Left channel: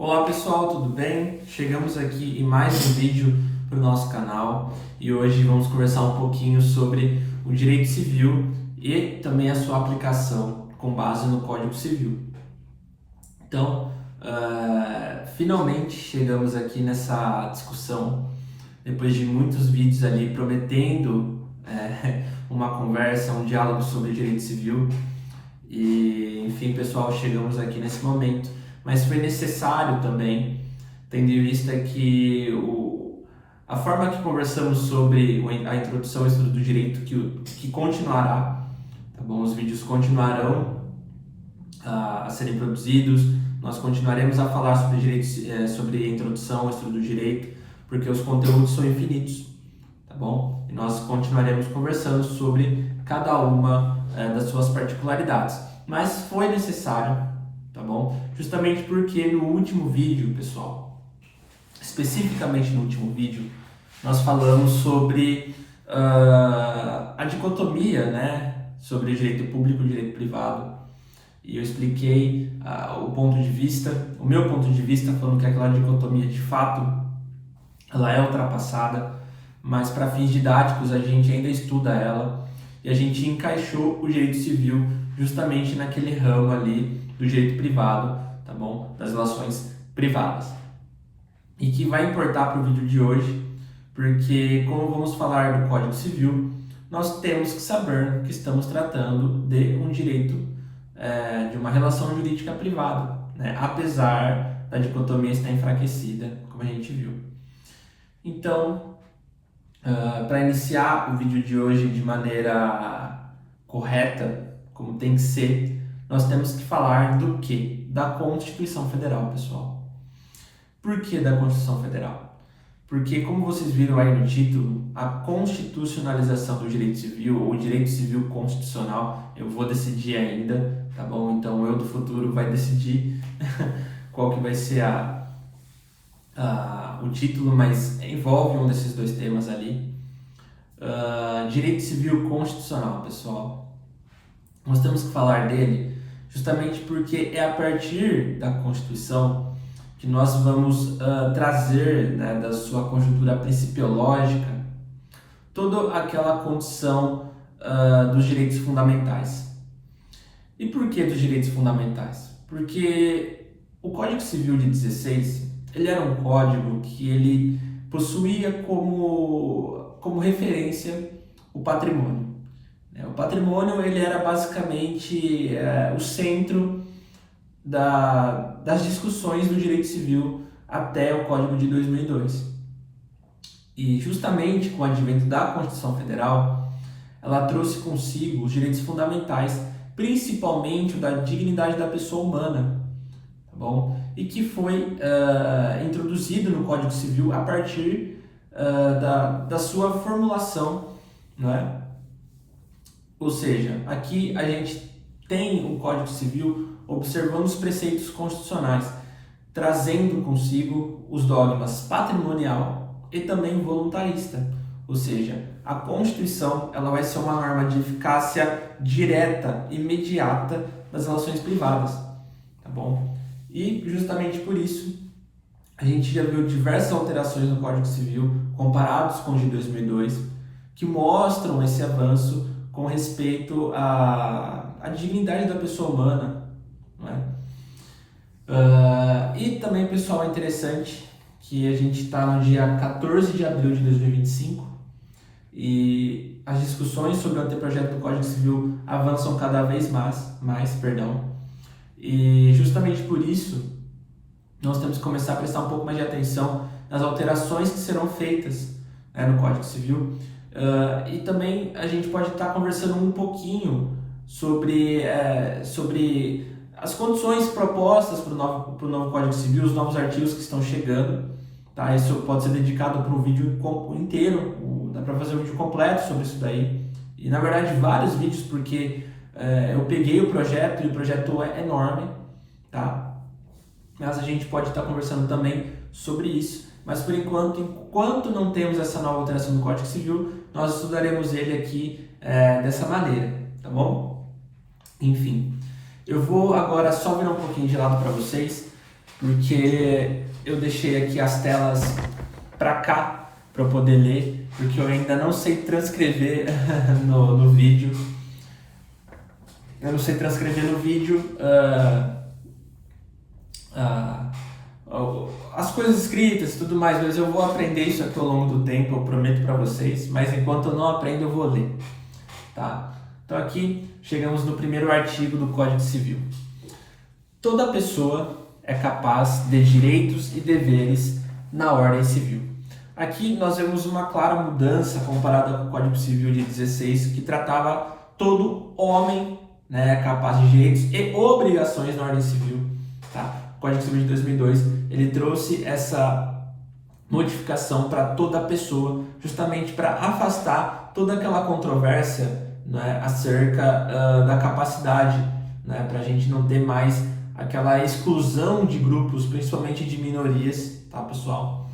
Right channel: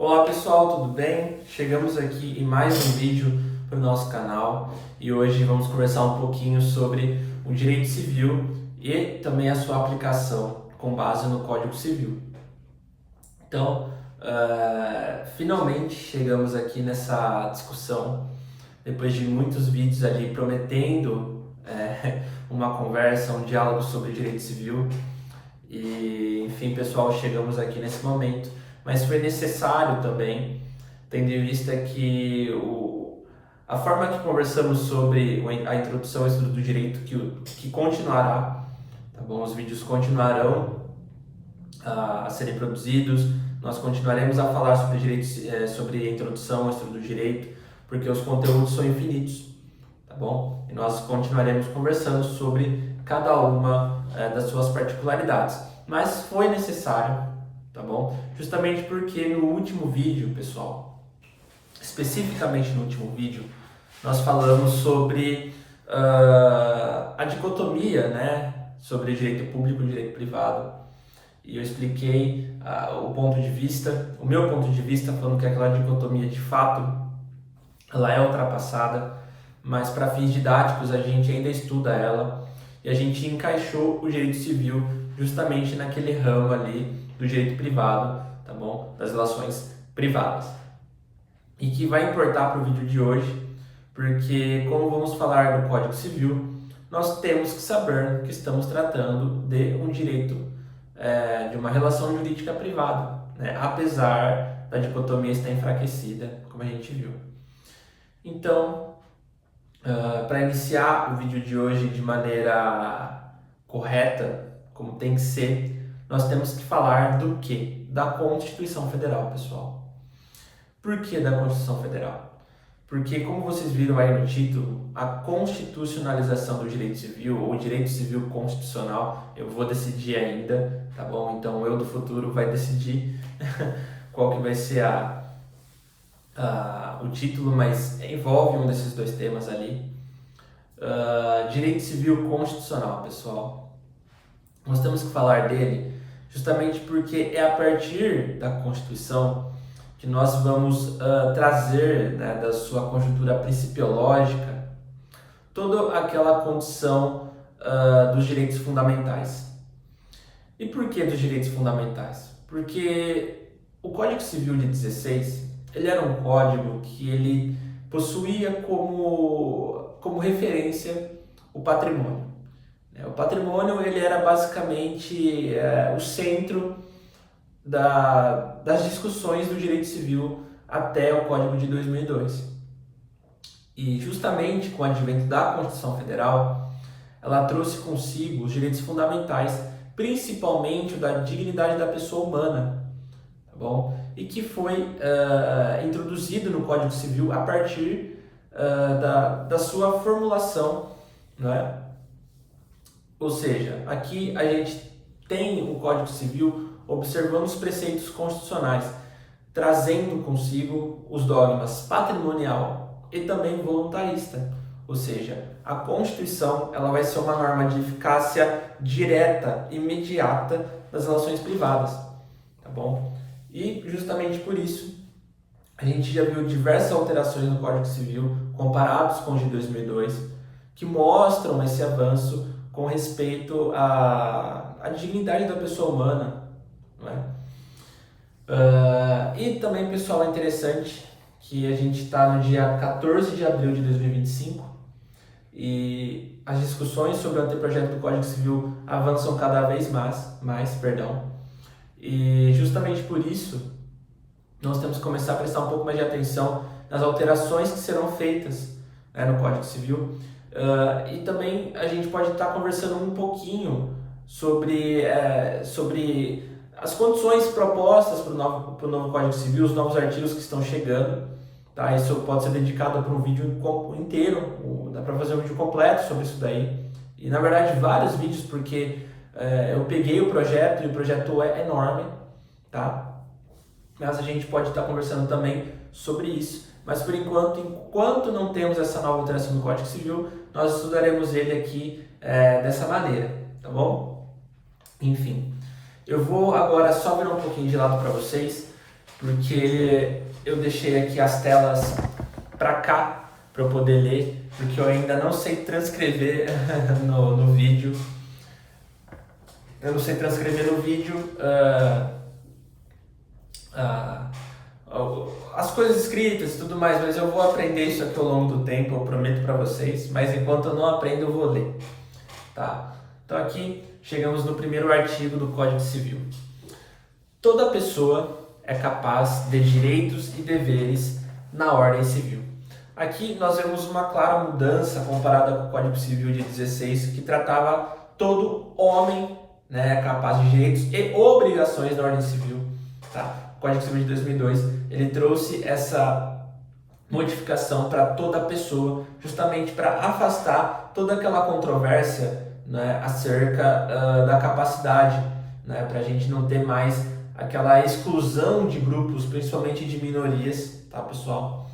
Olá pessoal, tudo bem? Chegamos aqui em mais um vídeo para o nosso canal e hoje vamos conversar um pouquinho sobre o direito civil e também a sua aplicação com base no Código Civil. Então, finalmente chegamos aqui nessa discussão, depois de muitos vídeos ali prometendo uma conversa, um diálogo sobre direito civil. E, enfim, pessoal, chegamos aqui nesse momento, mas foi necessário também, tendo em vista que a forma que conversamos sobre a introdução ao estudo do direito que continuará, tá bom? Os vídeos continuarão a serem produzidos, nós continuaremos a falar sobre direito, sobre a introdução ao estudo do direito, porque os conteúdos são infinitos, tá bom? E nós continuaremos conversando sobre cada uma das suas particularidades. Mas foi necessário, tá bom? Justamente porque no último vídeo, pessoal, especificamente no último vídeo, nós falamos sobre a dicotomia, né? Sobre o direito público e o direito privado. E eu expliquei o ponto de vista, o meu ponto de vista, falando que aquela dicotomia de fato ela é ultrapassada, mas para fins didáticos a gente ainda estuda ela e a gente encaixou o direito civil justamente naquele ramo ali do direito privado, tá bom? Das relações privadas. E que vai importar para o vídeo de hoje, porque como vamos falar do Código Civil, nós temos que saber que estamos tratando de um direito, de uma relação jurídica privada, né? Apesar da dicotomia estar enfraquecida, como a gente viu. Então, para iniciar o vídeo de hoje de maneira correta, como tem que ser, nós temos que falar do quê? Da Constituição Federal, pessoal. Por que da Constituição Federal? Porque, como vocês viram aí no título, a constitucionalização do direito civil, ou direito civil constitucional, eu vou decidir ainda, tá bom? Então, eu do futuro vai decidir qual que vai ser o título, mas envolve um desses dois temas ali. Direito civil constitucional, pessoal. Nós temos que falar dele justamente porque é a partir da Constituição que nós vamos trazer, né, da sua conjuntura principiológica, toda aquela condição dos direitos fundamentais. E por que dos direitos fundamentais? Porque o Código Civil de 16, ele era um código que ele possuía como referência o patrimônio. O patrimônio ele era basicamente o centro das discussões do direito civil até o Código de 2002. E justamente com o advento da Constituição Federal, ela trouxe consigo os direitos fundamentais, principalmente o da dignidade da pessoa humana, tá bom? E que foi introduzido no Código Civil a partir da sua formulação, não é? Ou seja, aqui a gente tem o Código Civil observando os preceitos constitucionais, trazendo consigo os dogmas patrimonial e também voluntarista. Ou seja, a Constituição ela vai ser uma norma de eficácia direta, imediata das relações privadas, tá bom? E justamente por isso a gente já viu diversas alterações no Código Civil comparados com os de 2002 que mostram esse avanço com respeito à dignidade da pessoa humana, não é? E também, pessoal, é interessante que a gente está no dia 14 de abril de 2025 e as discussões sobre o anteprojeto do Código Civil avançam cada vez mais, e justamente por isso nós temos que começar a prestar um pouco mais de atenção nas alterações que serão feitas, né, no Código Civil. E também a gente pode estar conversando um pouquinho sobre as condições propostas para o novo Código Civil, os novos artigos que estão chegando, tá? Isso pode ser dedicado para um vídeo inteiro, dá para fazer um vídeo completo sobre isso daí, e na verdade vários vídeos, porque eu peguei o projeto e o projeto é enorme, tá? Mas a gente pode estar conversando também sobre isso. Mas por enquanto não temos essa nova alteração do Código Civil, nós estudaremos ele aqui dessa maneira, tá bom? Enfim, eu vou agora só virar um pouquinho de lado para vocês, porque eu deixei aqui as telas para cá para eu poder ler, porque eu ainda não sei transcrever no vídeo. Eu não sei transcrever no vídeo as coisas escritas e tudo mais, mas eu vou aprender isso aqui ao longo do tempo, eu prometo para vocês. Mas enquanto eu não aprendo, eu vou ler, tá? Então aqui chegamos no primeiro artigo do Código Civil. Toda pessoa é capaz de direitos e deveres na ordem civil. Aqui nós vemos uma clara mudança comparada com o Código Civil de 16, que tratava todo homem, né, capaz de direitos e obrigações na ordem civil, tá? O Código Civil de 2002, ele trouxe essa modificação para toda pessoa, justamente para afastar toda aquela controvérsia, né, acerca da capacidade, né, para a gente não ter mais aquela exclusão de grupos, principalmente de minorias, tá, pessoal?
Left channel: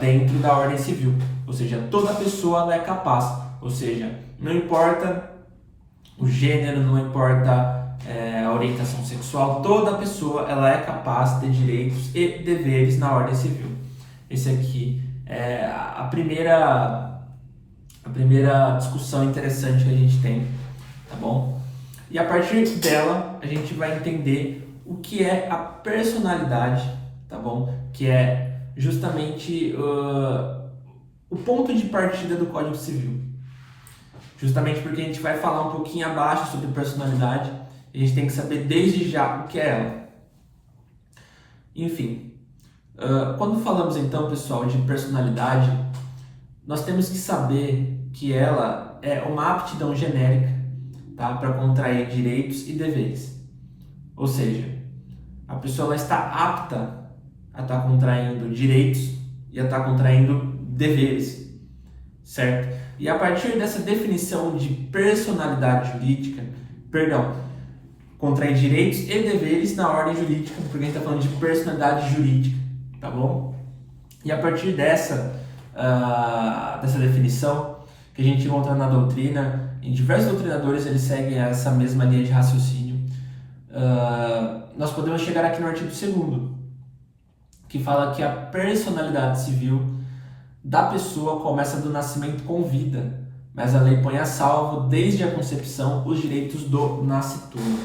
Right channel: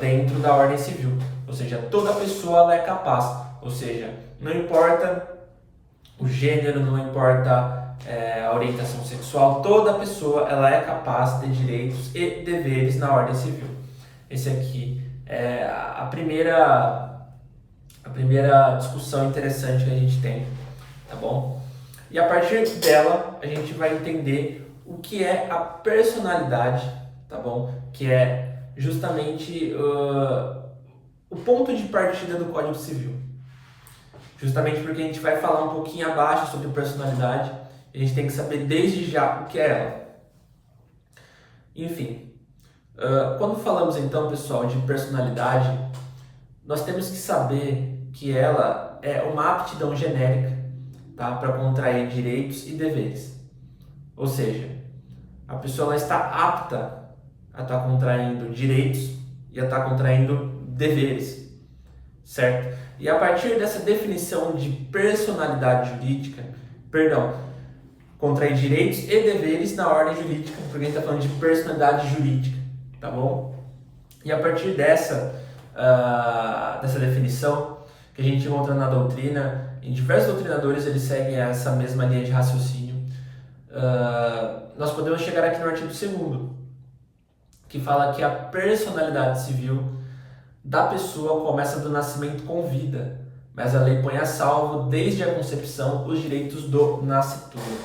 Dentro da ordem civil, ou seja, toda pessoa ela é capaz, ou seja, não importa o gênero, não importa a orientação sexual, toda pessoa ela é capaz de direitos e deveres na ordem civil. Esse aqui é a primeira discussão interessante que a gente tem, tá bom? E a partir dela a gente vai entender o que é a personalidade, tá bom? Que é justamente o ponto de partida do Código Civil. Justamente porque a gente vai falar um pouquinho abaixo sobre personalidade, a gente tem que saber desde já o que é ela. Enfim, quando falamos então, pessoal, de personalidade, nós temos que saber que ela é uma aptidão genérica, tá, para contrair direitos e deveres. Ou seja, a pessoa ela está apta a estar contraindo direitos e a estar contraindo deveres, certo? E a partir dessa definição de personalidade jurídica, contrair direitos e deveres na ordem jurídica, porque a gente está falando de personalidade jurídica, tá bom? E a partir dessa definição, que a gente encontra na doutrina, em diversos doutrinadores eles seguem essa mesma linha de raciocínio, nós podemos chegar aqui no artigo 2º, que fala que a personalidade civil da pessoa começa do nascimento com vida, mas a lei põe a salvo, desde a concepção, os direitos do nascituro.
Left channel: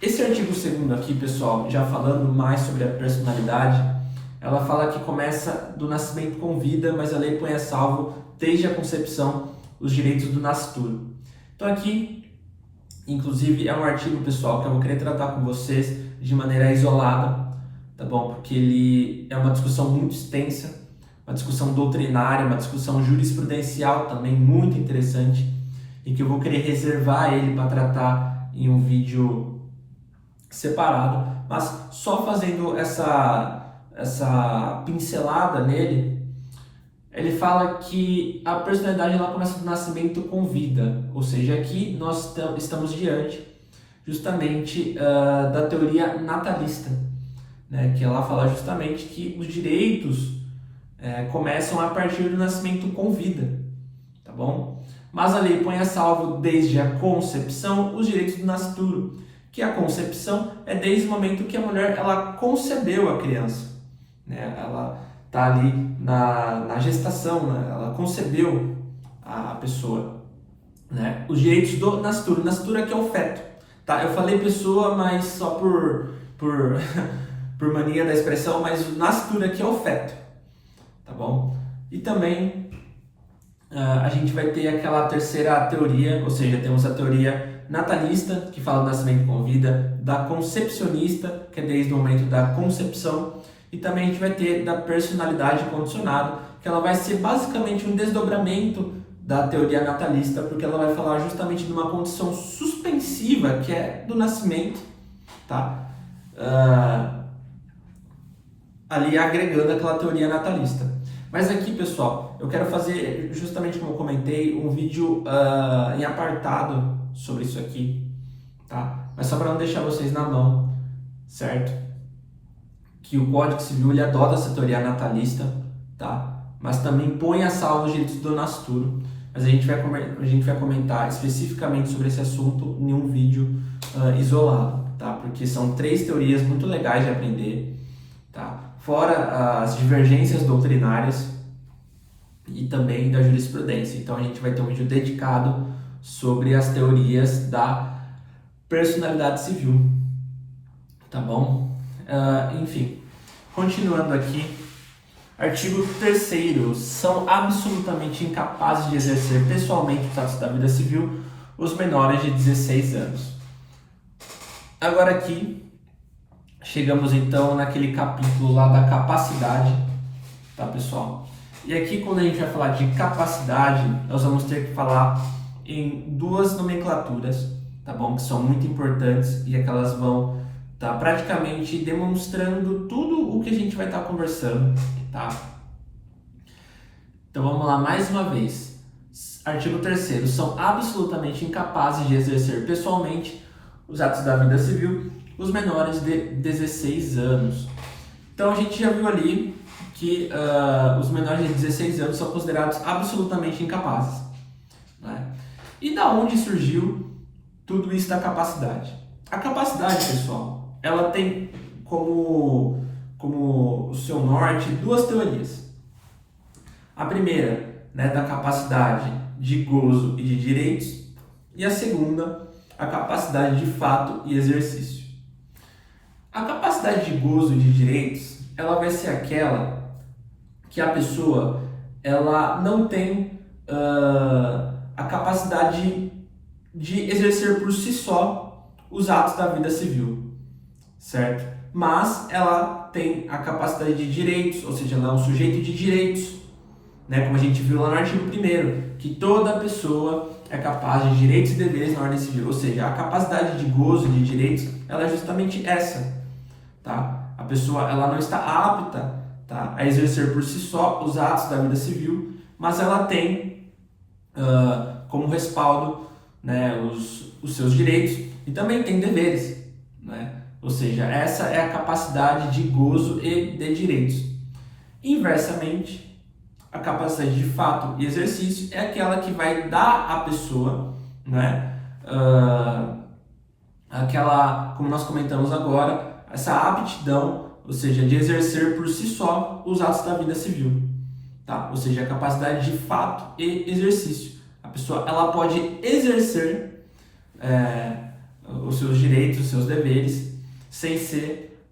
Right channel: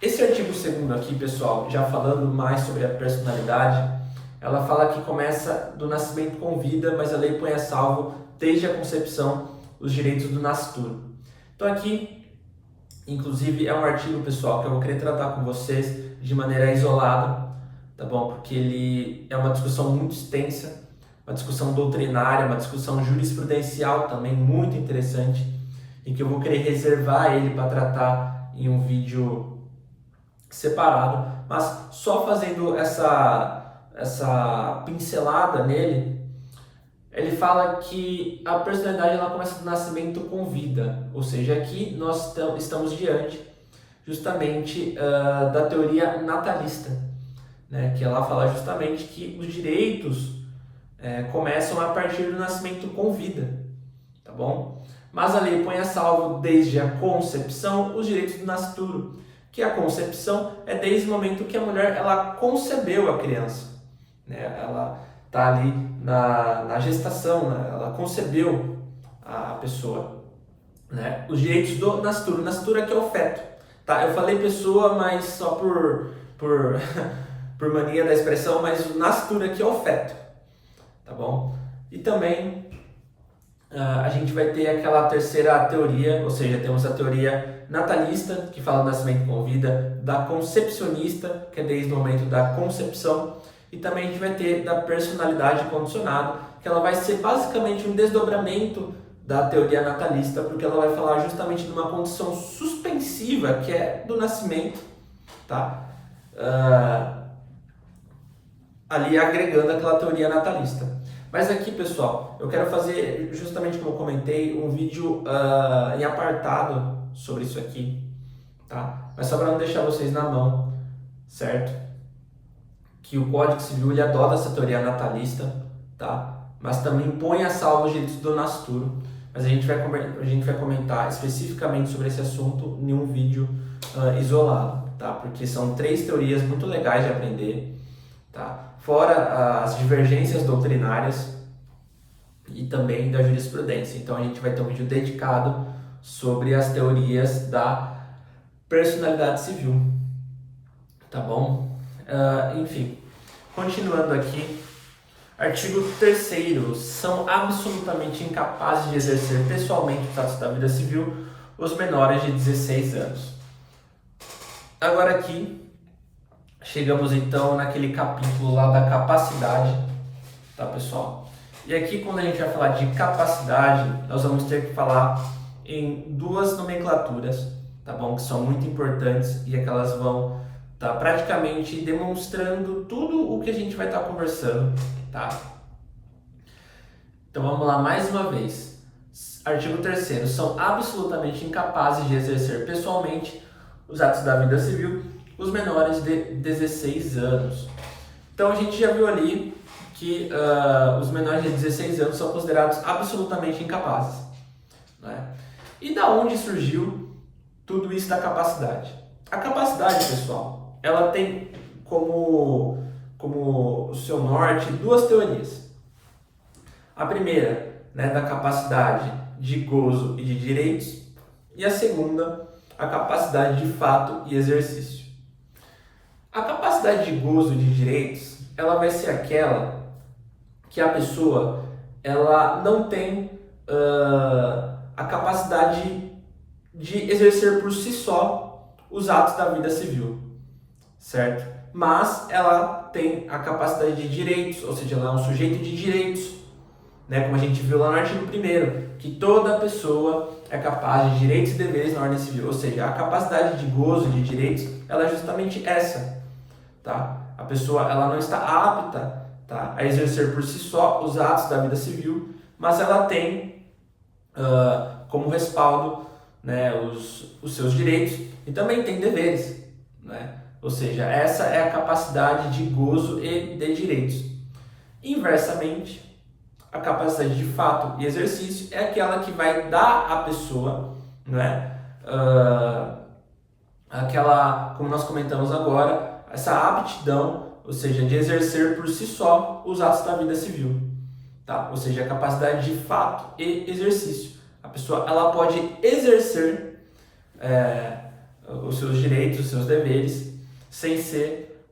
Esse artigo 2º aqui, pessoal, já falando mais sobre a personalidade, ela fala que começa do nascimento com vida, mas a lei põe a salvo, desde a concepção, os direitos do nascituro. Então aqui, inclusive, é um artigo, pessoal, que eu vou querer tratar com vocês de maneira isolada, tá bom? Porque ele é uma discussão muito extensa, uma discussão doutrinária, uma discussão jurisprudencial também muito interessante, e que eu vou querer reservar ele para tratar em um vídeo separado, mas só fazendo essa pincelada nele, ele fala que a personalidade ela começa do nascimento com vida, ou seja, aqui nós estamos diante justamente da teoria natalista, né, que ela fala justamente que os direitos começam a partir do nascimento com vida, tá bom? Mas a lei põe a salvo desde a concepção os direitos do nascituro, que a concepção é desde o momento que a mulher ela concebeu a criança, né? Ela está ali na gestação, né? Ela concebeu a pessoa, né? Os direitos do nascituro, nascituro aqui é o feto, tá? Eu falei pessoa, mas só por por mania da expressão, mas o nascituro aqui é o feto, tá bom? E também a gente vai ter aquela terceira teoria, ou seja, temos a teoria natalista, que fala do nascimento com vida, da concepcionista, que é desde o momento da concepção, e também a gente vai ter da personalidade condicionada, que ela vai ser basicamente um desdobramento da teoria natalista, porque ela vai falar justamente de uma condição suspensiva, que é do nascimento, tá? Ali agregando aquela teoria natalista. Mas aqui, pessoal, eu quero fazer, justamente como eu comentei, um vídeo em apartado sobre isso aqui, tá? Mas só para não deixar vocês na mão, certo? Que o Código Civil ele adota essa teoria natalista, tá? Mas também põe a salvo os direitos do nascituro. Mas a gente vai comentar especificamente sobre esse assunto em um vídeo isolado, tá? tá? Porque são 3 teorias muito legais de aprender, tá? Fora as divergências doutrinárias e também da jurisprudência. Então a gente vai ter um vídeo dedicado sobre as teorias da personalidade civil, tá bom? Enfim, continuando aqui, artigo 3º, são absolutamente incapazes de exercer pessoalmente os atos da vida civil os menores de 16 anos. Agora aqui, chegamos então naquele capítulo lá da capacidade, tá, pessoal? E aqui, quando a gente vai falar de capacidade, nós vamos ter que falar em 2 nomenclaturas, tá bom? Que são muito importantes e é que elas vão estar praticamente demonstrando tudo o que a gente vai estar conversando, tá? Então vamos lá mais uma vez. Artigo 3º, são absolutamente incapazes de exercer pessoalmente os atos da vida civil os menores de 16 anos. Então a gente já viu ali que os menores de 16 anos são considerados absolutamente incapazes, né? E da onde surgiu tudo isso da capacidade? A capacidade, pessoal, ela tem como o seu norte 2 teorias. A primeira, né, da capacidade de gozo e de direitos, e a segunda, a capacidade de fato e exercício. A capacidade de gozo e de direitos, ela vai ser aquela que a pessoa ela não tem a capacidade de exercer por si só os atos da vida civil, certo? Mas ela tem a capacidade de direitos, ou seja, ela é um sujeito de direitos, né? Como a gente viu lá no artigo 1º, que toda pessoa é capaz de direitos e deveres na ordem civil, ou seja, a capacidade de gozo e de direitos, ela é justamente essa, tá? A pessoa ela não está apta, tá, a exercer por si só os atos da vida civil, mas ela tem como respaldo, né, os seus direitos e também tem deveres, né? Ou seja, essa é a capacidade de gozo e de direitos. Inversamente, a capacidade de fato e exercício é aquela que vai dar à pessoa, né, aquela, como nós comentamos agora, essa aptidão, ou seja, de exercer por si só os atos da vida civil, tá? Ou seja, a capacidade de fato e exercício. A pessoa ela pode exercer os seus direitos, os seus deveres, sem ser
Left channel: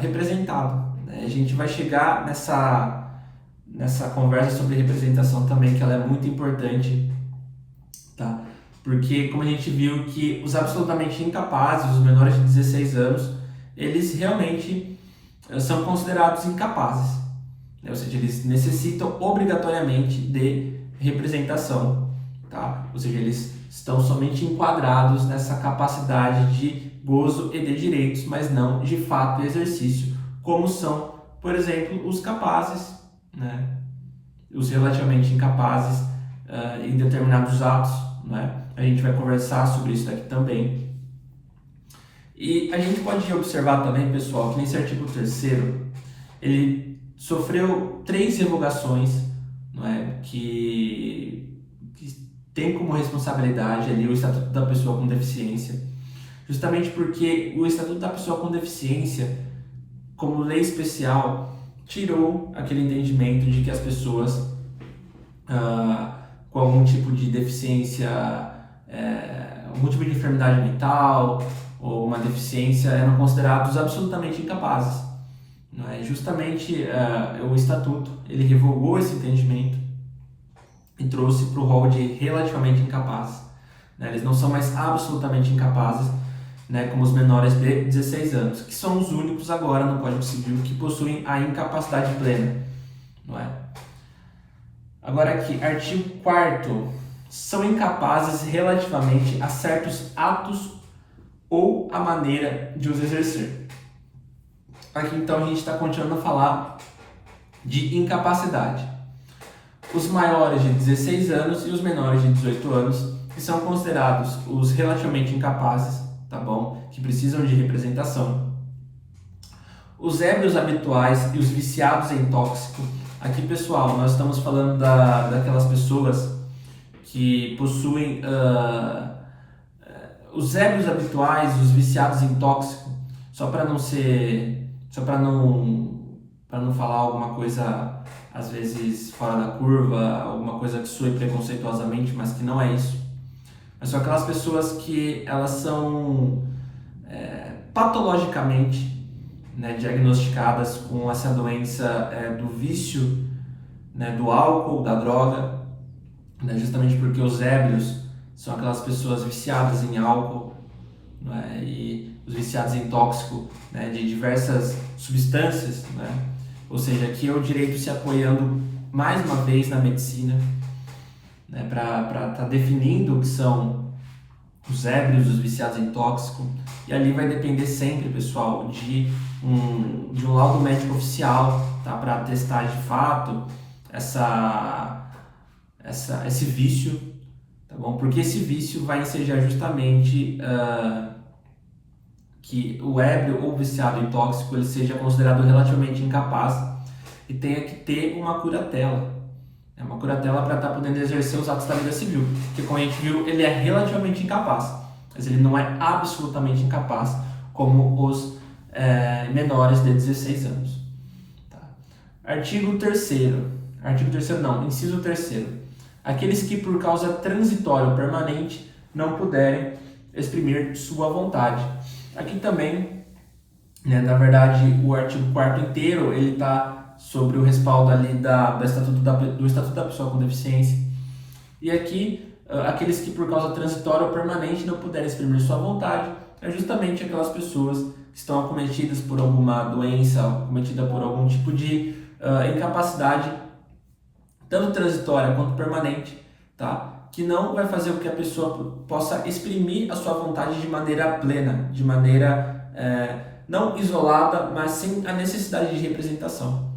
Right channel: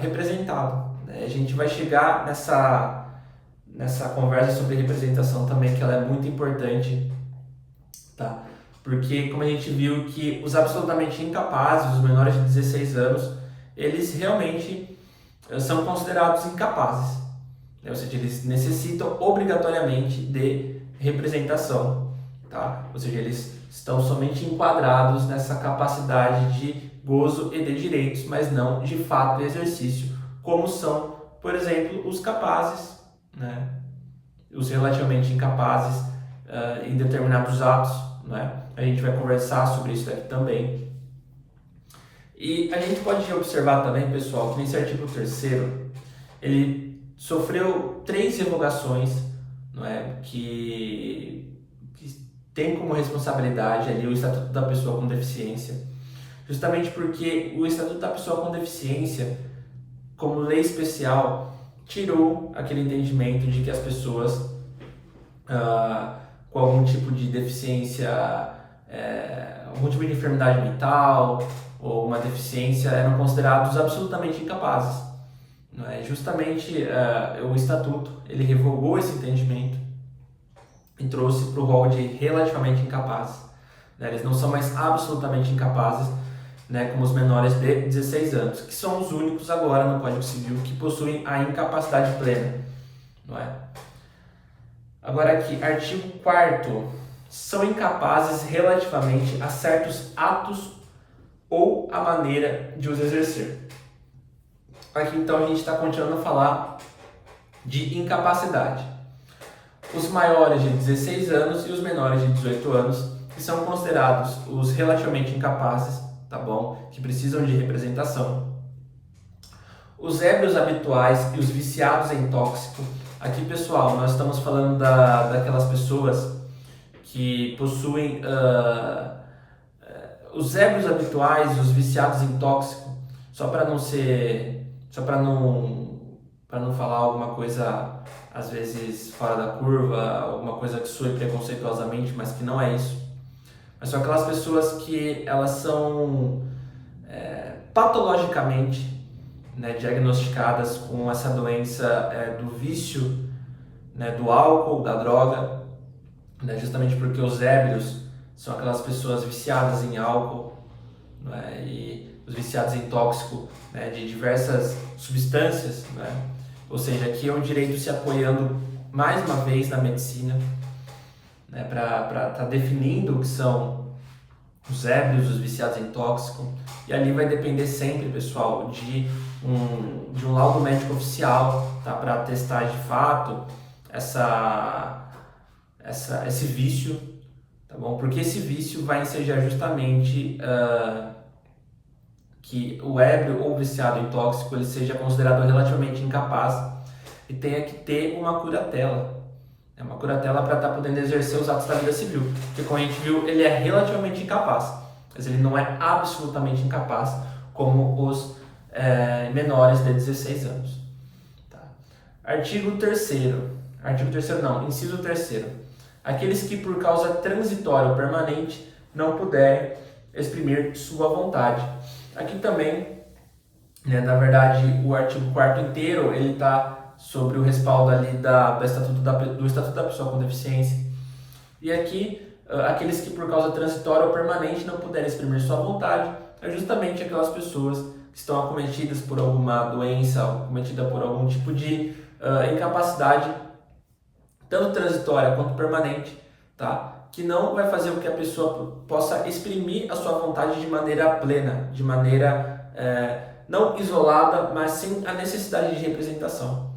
representado, né? A gente vai chegar nessa conversa sobre representação também, que ela é muito importante, tá? Porque como a gente viu que os absolutamente incapazes, os menores de 16 anos, eles realmente são considerados incapazes, né? Ou seja, eles necessitam obrigatoriamente de representação, tá? Ou seja, eles estão somente enquadrados nessa capacidade de gozo e de direitos, mas não de fato e exercício, como são, por exemplo, os capazes, né? Os relativamente incapazes em determinados atos, né? A gente vai conversar sobre isso aqui também. E a gente pode observar também, pessoal, que nesse artigo 3º ele sofreu 3 revogações, não é? que tem como responsabilidade ali o Estatuto da Pessoa com Deficiência, justamente porque o Estatuto da Pessoa com Deficiência, como lei especial, tirou aquele entendimento de que as pessoas com algum tipo de deficiência, algum tipo de enfermidade mental ou alguma deficiência eram considerados absolutamente incapazes, não é? Justamente o Estatuto ele revogou esse entendimento e trouxe para o rol de relativamente incapazes, né? Eles não são mais absolutamente incapazes, né, como os menores de 16 anos, que são os únicos agora no Código Civil que possuem a incapacidade plena, não é? Agora aqui, artigo 4º, são incapazes relativamente a certos atos ou a maneira de os exercer. Aqui então a gente está continuando a falar de incapacidade. Os maiores de 16 anos e os menores de 18 anos, que são considerados os relativamente incapazes, tá bom? Que precisam de representação. Os ébrios habituais e os viciados em tóxico. Aqui, pessoal, nós estamos falando daquelas pessoas que possuem os ébrios habituais, os viciados em tóxico, só para não ser, só para não falar alguma coisa às vezes fora da curva, alguma coisa que soe preconceituosamente, mas que não é isso. Mas são aquelas pessoas que elas são patologicamente, né, diagnosticadas com essa doença do vício, né, do álcool, da droga, né, justamente porque os ébrios são aquelas pessoas viciadas em álcool, né, e os viciados em tóxico, né, de diversas substâncias, né? Ou seja, aqui é o direito se apoiando mais uma vez na medicina, né, para estar definindo o que são os ébrios, os viciados em tóxico, e ali vai depender sempre, pessoal, de um laudo médico oficial, tá, para atestar de fato esse vício, tá bom? Porque esse vício vai ensejar justamente que o ébrio ou viciado em tóxico ele seja considerado relativamente incapaz e tenha que ter uma curatela. É uma curatela para estar podendo exercer os atos da vida civil. Porque, como a gente viu, ele é relativamente incapaz, mas ele não é absolutamente incapaz, como os menores de 16 anos. Tá? Artigo 3º. Artigo 3º não, inciso 3º. Aqueles que por causa transitória ou permanente não puderem exprimir sua vontade. Aqui também, né, na verdade, o artigo 4º inteiro, ele está sobre o respaldo ali do Estatuto da Pessoa com Deficiência. E aqui, aqueles que por causa transitória ou permanente não puderem exprimir sua vontade, é justamente aquelas pessoas que estão acometidas por alguma doença, acometida por algum tipo de incapacidade, tanto transitória quanto permanente, tá? Que não vai fazer com que a pessoa possa exprimir a sua vontade de maneira plena, de maneira não isolada, mas sem a necessidade de representação.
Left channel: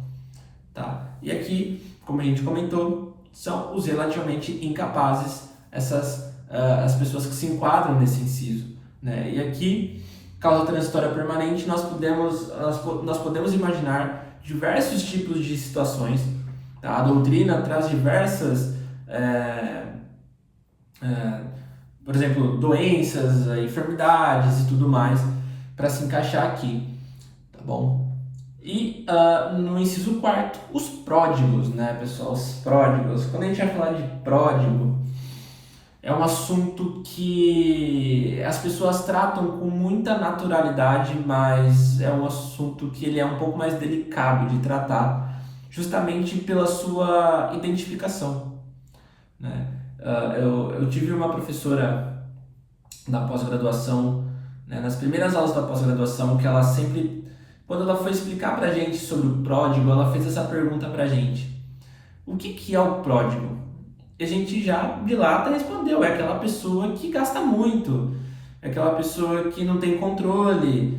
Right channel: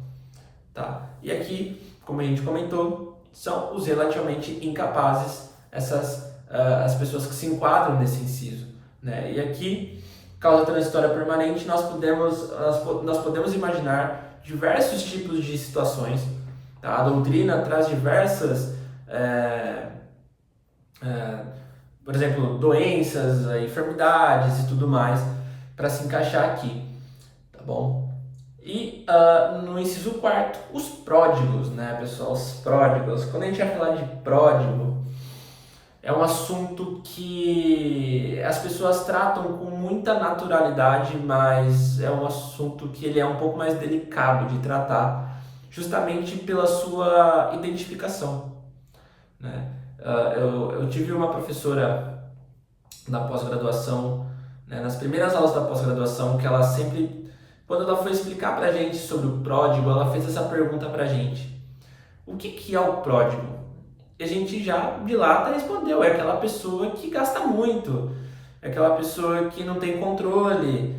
Tá? E aqui, como a gente comentou, são os relativamente incapazes, as pessoas que se enquadram nesse inciso, né? E aqui, causa transitória permanente, nós podemos imaginar diversos tipos de situações. Tá? A doutrina traz diversas, por exemplo, doenças, enfermidades e tudo mais, para se encaixar aqui, tá bom? E no inciso 4º, os pródigos, né, pessoal? Os pródigos. Quando a gente vai falar de pródigo, é um assunto que as pessoas tratam com muita naturalidade, mas é um assunto que ele é um pouco mais delicado de tratar, justamente pela sua identificação, né? Eu tive uma professora na pós-graduação, né, nas primeiras aulas da pós-graduação, que ela sempre, quando ela foi explicar pra gente sobre o pródigo, ela fez essa pergunta pra gente: o que é o pródigo? E a gente já de lata respondeu: é aquela pessoa que gasta muito, é aquela pessoa que não tem controle,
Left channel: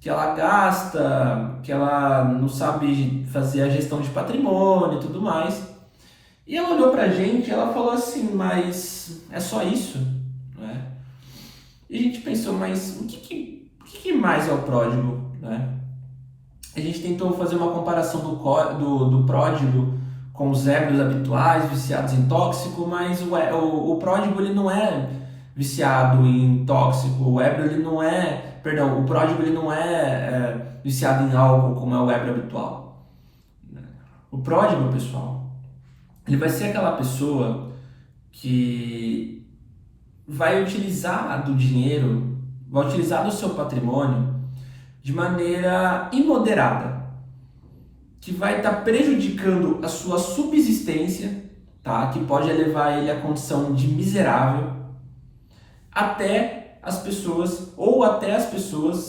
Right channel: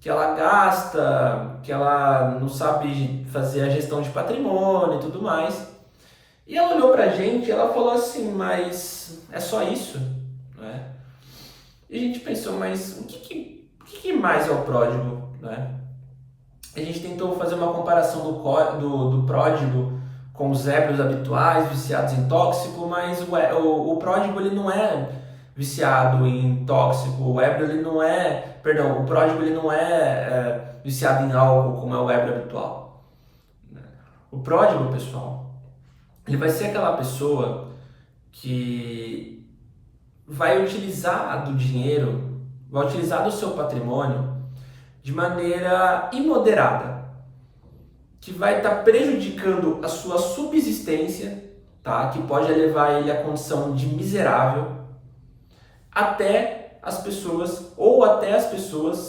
que ela gasta, que ela não sabe fazer a gestão de patrimônio e tudo mais. E ela olhou pra gente e ela falou assim: mas é só isso? Né? E a gente pensou: mas o que mais é o pródigo? Né? A gente tentou fazer uma comparação do pródigo com os ébrios habituais, viciados em tóxico, mas o pródigo ele não é viciado em tóxico, o pródigo ele não é viciado em álcool como é o ébrio habitual. O pródigo, pessoal, ele vai ser aquela pessoa que vai utilizar do dinheiro, vai utilizar do seu patrimônio de maneira imoderada, que vai estar prejudicando a sua subsistência, tá? Que pode levar ele à condição de miserável, até as pessoas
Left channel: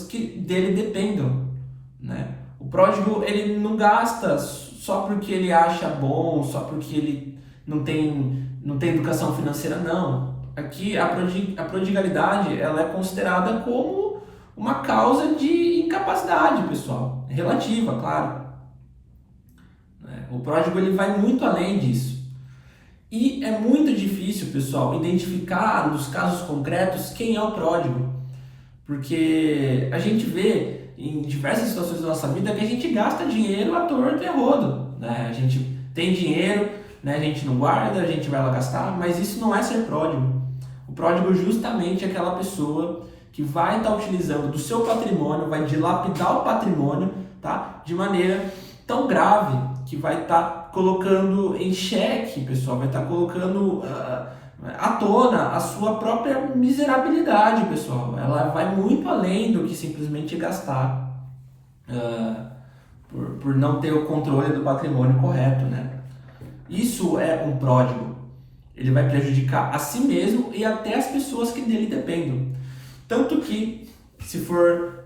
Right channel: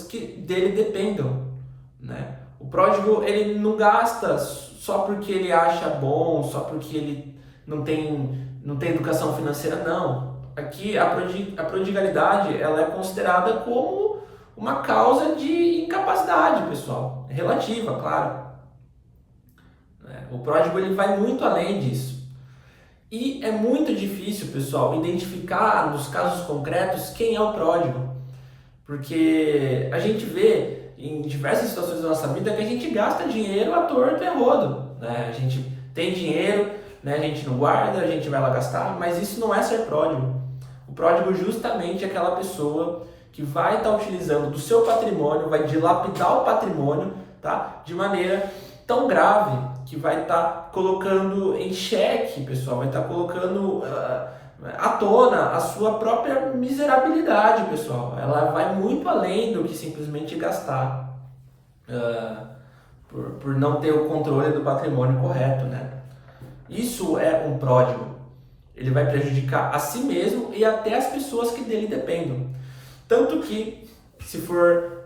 que dele dependam, né? O pródigo, ele não gasta só porque ele acha bom, só porque ele não tem educação financeira, não. Aqui a prodigalidade, ela é considerada como uma causa de incapacidade, pessoal, relativa, claro. O pródigo ele vai muito além disso. E é muito difícil, pessoal, identificar nos casos concretos quem é o pródigo. Porque a gente vê em diversas situações da nossa vida que a gente gasta dinheiro à torto e à rodo, né? A gente tem dinheiro, né? A gente não guarda, a gente vai lá gastar, mas isso não é ser pródigo. O pródigo justamente é aquela pessoa que vai estar utilizando do seu patrimônio, vai dilapidar o patrimônio, tá? De maneira tão grave que vai estar colocando em xeque, pessoal, vai estar colocando à tona a sua própria miserabilidade, pessoal. Ela vai muito além do que simplesmente gastar por não ter o controle do patrimônio correto, né? Isso é um pródigo. Ele vai prejudicar a si mesmo e até as pessoas que dele dependem. Tanto que, se for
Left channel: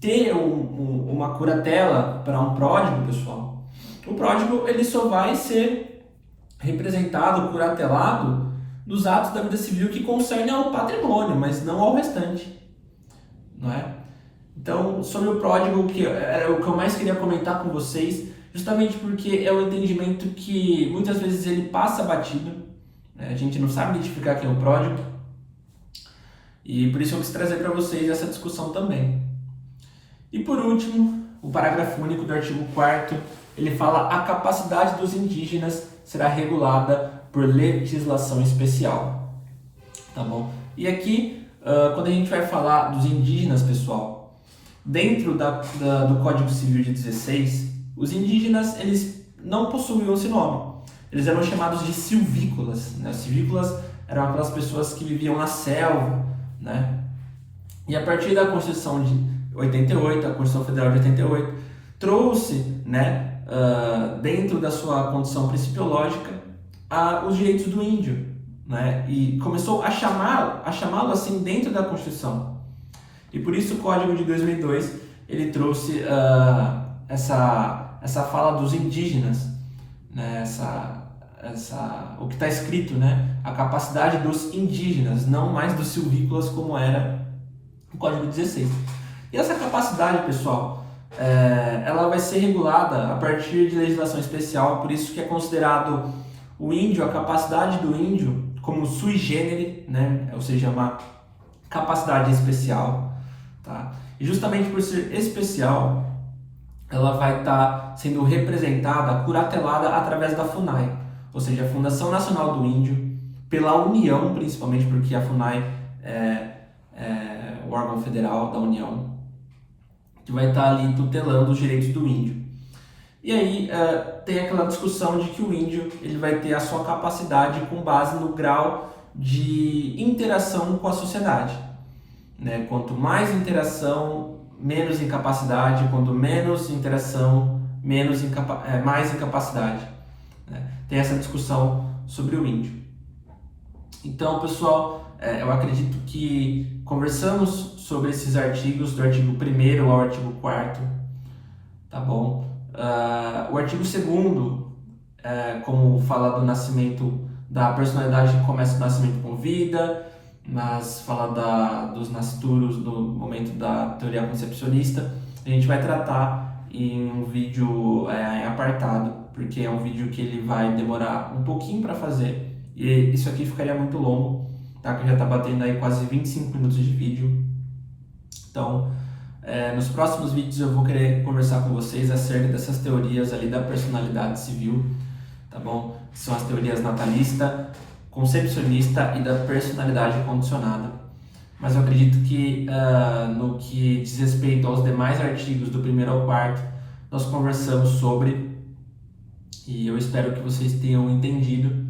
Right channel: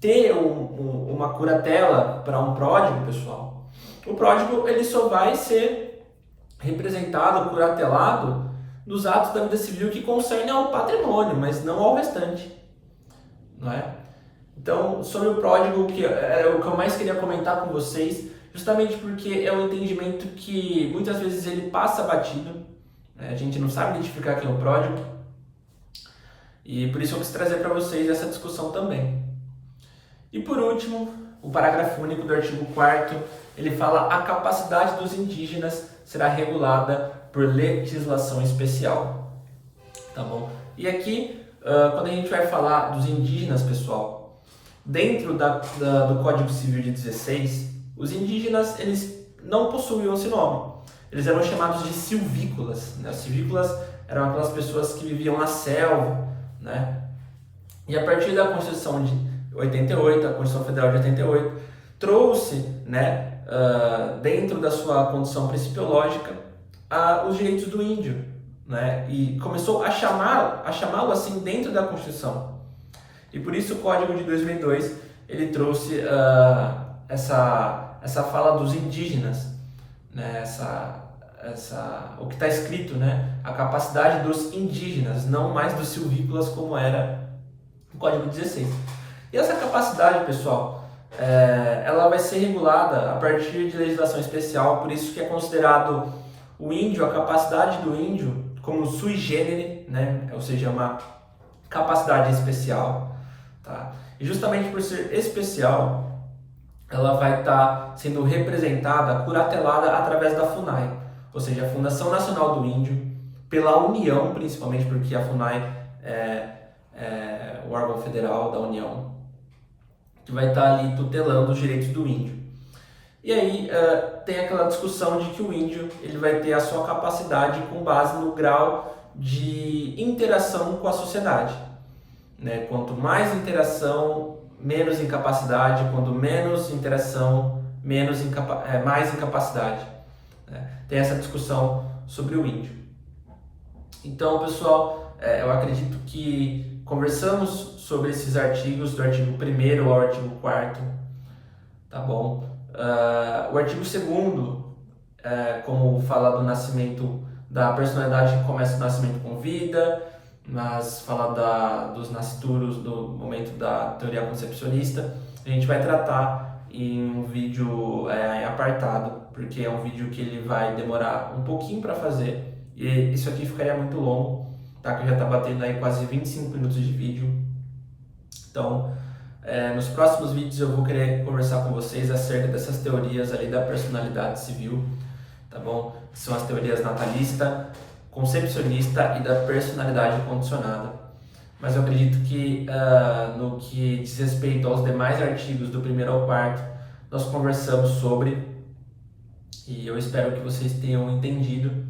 ter uma curatela para um pródigo, pessoal, o pródigo ele só vai ser representado, curatelado nos atos da vida civil que concernem ao patrimônio, mas não ao restante, não é? Então, sobre o pródigo, que era o que eu mais queria comentar com vocês, justamente porque é um entendimento que muitas vezes ele passa batido, né? A gente não sabe identificar quem é o pródigo, e por isso eu quis trazer para vocês essa discussão também. E por último, o parágrafo único do artigo 4º, ele fala: a capacidade dos indígenas será regulada por legislação especial. Tá bom? E aqui, quando a gente vai falar dos indígenas, pessoal, dentro do Código Civil de 16, os indígenas eles não possuíam esse nome. Eles eram chamados de silvícolas, né? Os silvícolas eram aquelas pessoas que viviam na selva, né? E a partir da Constituição de 88, a Constituição Federal de 88, trouxe, né, dentro da sua condição principiológica, os direitos do índio, né? E começou a chamá-lo assim dentro da Constituição. E por isso o Código de 2002 ele trouxe essa fala dos indígenas, né? O que está escrito, né? A capacidade dos indígenas, não mais dos silvícolas como era o Código 16. E essa capacidade, pessoal, ela vai ser regulada a partir de legislação especial, por isso que é considerado o índio, a capacidade do índio, como sui generis, né? Ou seja, uma capacidade especial. Tá? E justamente por ser especial, ela vai estar sendo representada, curatelada através da FUNAI, ou seja, a Fundação Nacional do Índio, pela União, principalmente porque a FUNAI é o órgão federal da União, que vai estar ali tutelando os direitos do índio. E aí tem aquela discussão de que o índio ele vai ter a sua capacidade com base no grau de interação com a sociedade. Né? Quanto mais interação, menos incapacidade. Quanto menos interação, mais incapacidade. Né? Tem essa discussão sobre o índio. Então, pessoal, eu acredito que conversamos sobre esses artigos, do artigo 1º ao artigo 4º, tá bom? O artigo 2º, como fala do nascimento, da personalidade que começa o nascimento com vida, mas fala dos nascituros do momento da teoria concepcionista, a gente vai tratar em um vídeo em apartado, porque é um vídeo que ele vai demorar um pouquinho para fazer, e isso aqui ficaria muito longo, tá? Que já está batendo aí quase 25 minutos de vídeo. Então, nos próximos vídeos eu vou querer conversar com vocês acerca dessas teorias ali da personalidade civil, tá bom? Que são as teorias natalista, concepcionista e da personalidade condicionada. Mas eu acredito que no que diz respeito aos demais artigos do 1º ao 4º, nós conversamos sobre, e eu espero que vocês tenham entendido.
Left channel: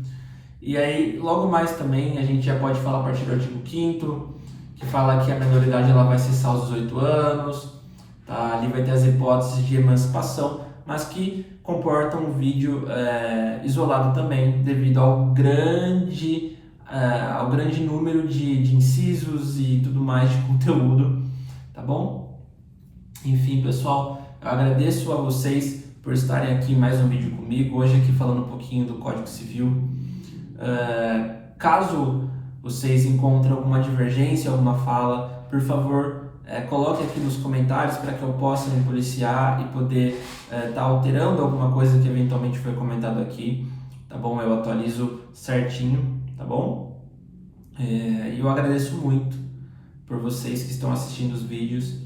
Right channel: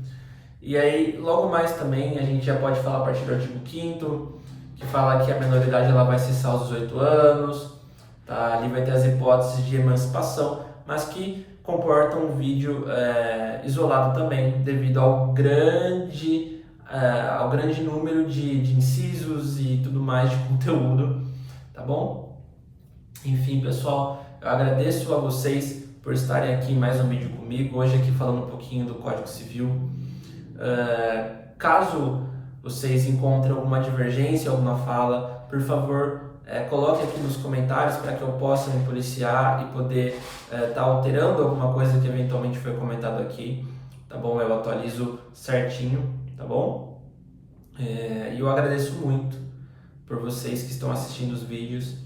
E aí, logo mais também, a gente já pode falar a partir do artigo 5º, que fala que a menoridade ela vai cessar aos 18 anos, tá? Ali vai ter as hipóteses de emancipação, mas que comportam um vídeo isolado também, devido ao grande número de incisos e tudo mais de conteúdo, tá bom? Enfim, pessoal, eu agradeço a vocês por estarem aqui em mais um vídeo comigo, hoje aqui falando um pouquinho do Código Civil. Caso vocês encontrem alguma divergência, alguma fala, por favor, coloque aqui nos comentários para que eu possa me policiar e poder estar alterando alguma coisa que eventualmente foi comentado aqui, tá bom? Eu atualizo certinho, tá bom? E eu agradeço muito por vocês que estão assistindo os vídeos,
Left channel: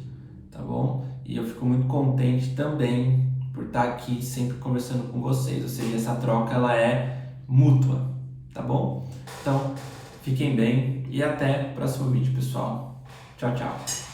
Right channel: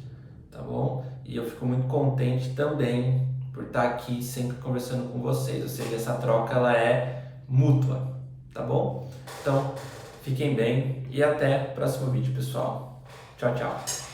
tá bom? E eu fico muito contente também por estar aqui sempre conversando com vocês, ou seja, essa troca ela é mútua, tá bom? Então, Fiquem bem e até o próximo vídeo, pessoal. Tchau, tchau.